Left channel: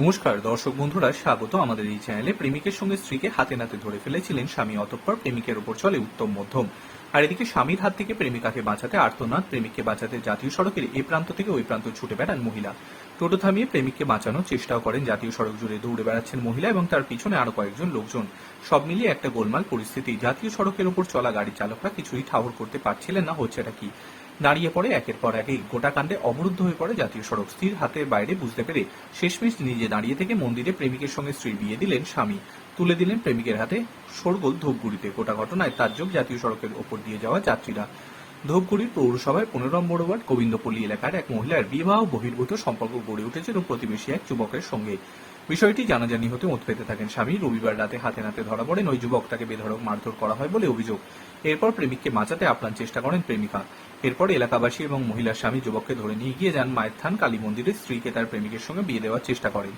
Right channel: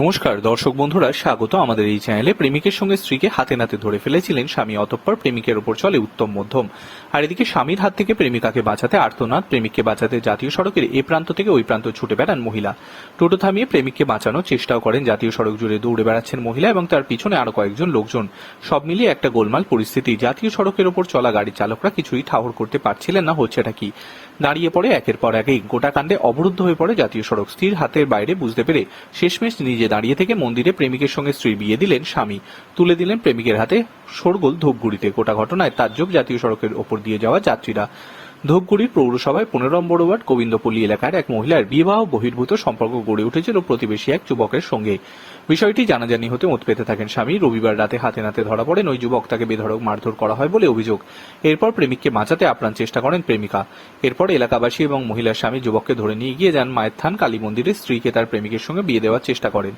নমস্কার, দর্শক বন্ধুরা, স্বাগত আমাদের এই চ্যানেলে। প্রেমিকের সঙ্গে স্ত্রীকে হাতে নাতে ধরে ফেলেছিলেন স্বামী অতঃপর প্রেমিকের ওপর চলে উত্তম মধ্যম। আর এদিকে স্বামীর হাত থেকে প্রেমিকাকে বাঁচাতে আর্তনাদ, প্রেমিককে বাঁচাতে জাতীয় সড়কের এ প্রান্ত থেকে ওই প্রান্ত ছুটে বেড়ান মহিলা। টোটো থামিয়ে প্রেমিককে বাঁচানোর চেষ্টাও করেন জাতীয় সড়ক জুড়ে দৌড়ে বেড়াচ্ছেন মহিলা এবং তার পিছনে আরও কয়েকজন লোকজন। সব মিলিয়ে একটা গোলমাল পরিস্থিতি। জাতীয় সড়কের ওপর চলা গাড়ির চালকরা কিছুই ঠাহর করতে পারছিলেন না, হচ্ছেটা কি? দাঁড়িয়ে পড়ে একের পর একেই গোটা কাণ্ডে অবরুদ্ধ হয়ে পড়ে জাতীয় সড়ক। স্থির হাতের বাইরে বুঝতে পেরে শেষমেশ নিজে দাঁড়িয়ে থেকে মন্দিরে প্রেমিকের সঙ্গে স্ত্রীর বিয়ে দিলেন স্বামী। তুলে দিলেন প্রেমিকের হাতে শোরগোল ধূপগুড়িতে। গোটা ঘটনায় তাজ্জব জাতীয় সড়কের ওপর দিয়ে যাওয়া যাত্রীরা। ধূপগুড়ির পৌরসভায় পনেরো নম্বর ওয়ার্ড গোবিন্দপল্লী এলাকার এক মহিলার বিবাহ বহির্ভূত সম্পর্ক গড়ে উঠেছিল প্রতিবেশী এক যুবকের সঙ্গে। বিষয়টি জানাজানি হতে মত পেতে থাকেন স্বামী। রবিবার রাতে হাতে নাতে ধরা পড়েন ওই যুবক। তাকে বেধড়ক মারধর করা হয় বলে অভিযোগ। এরপর প্রেমিককে বাঁচাতে আপ্রাণ চেষ্টা করেন প্রেমিকা। এরপর এলাকাবাসী এবং মহিলার স্বামী যুবককে ধরে নিয়ে গিয়ে যান মায়ের থান কালী মন্দিরে স্ত্রীকে তার প্রেমিকের সঙ্গে বিয়ে দেওয়ার চেষ্টা করেন।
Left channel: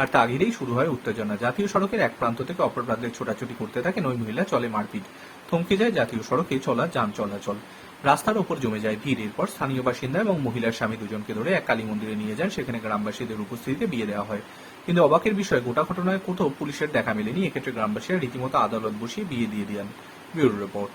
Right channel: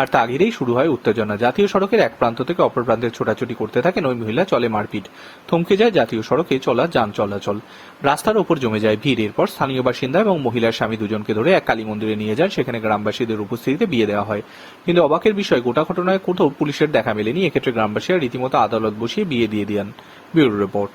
আর তা ঘিরেই শুরু হয় উত্তেজনা। জাতীয় সড়কের এক প্রান্ত থেকে অপর প্রান্তে ছোটাছুটি করতে থাকেন ওই মহিলা, চলে মারপিট। থমকে যায় জাতীয় সড়কে চলা যান চলাচল। রাস্তার ওপর জমে যায় ভিড়। এরপর স্থানীয় বাসিন্দা এবং মহিলার স্বামী দুজনকে ধরে এক কালী মন্দিরে নিয়ে যান। সেখানে গ্রামবাসীদের উপস্থিতিতে বিয়ে দেওয়া হয়। কিন্তু অবাকের বিষয়, গোটা ঘটনায় কোথাও পুলিশের দেখা মেলেনি। এক্ষেত্রে গ্রামবাসীরা রীতিমতো আদালত বসিয়ে বিয়ে দিয়ে দেন। Bureau report.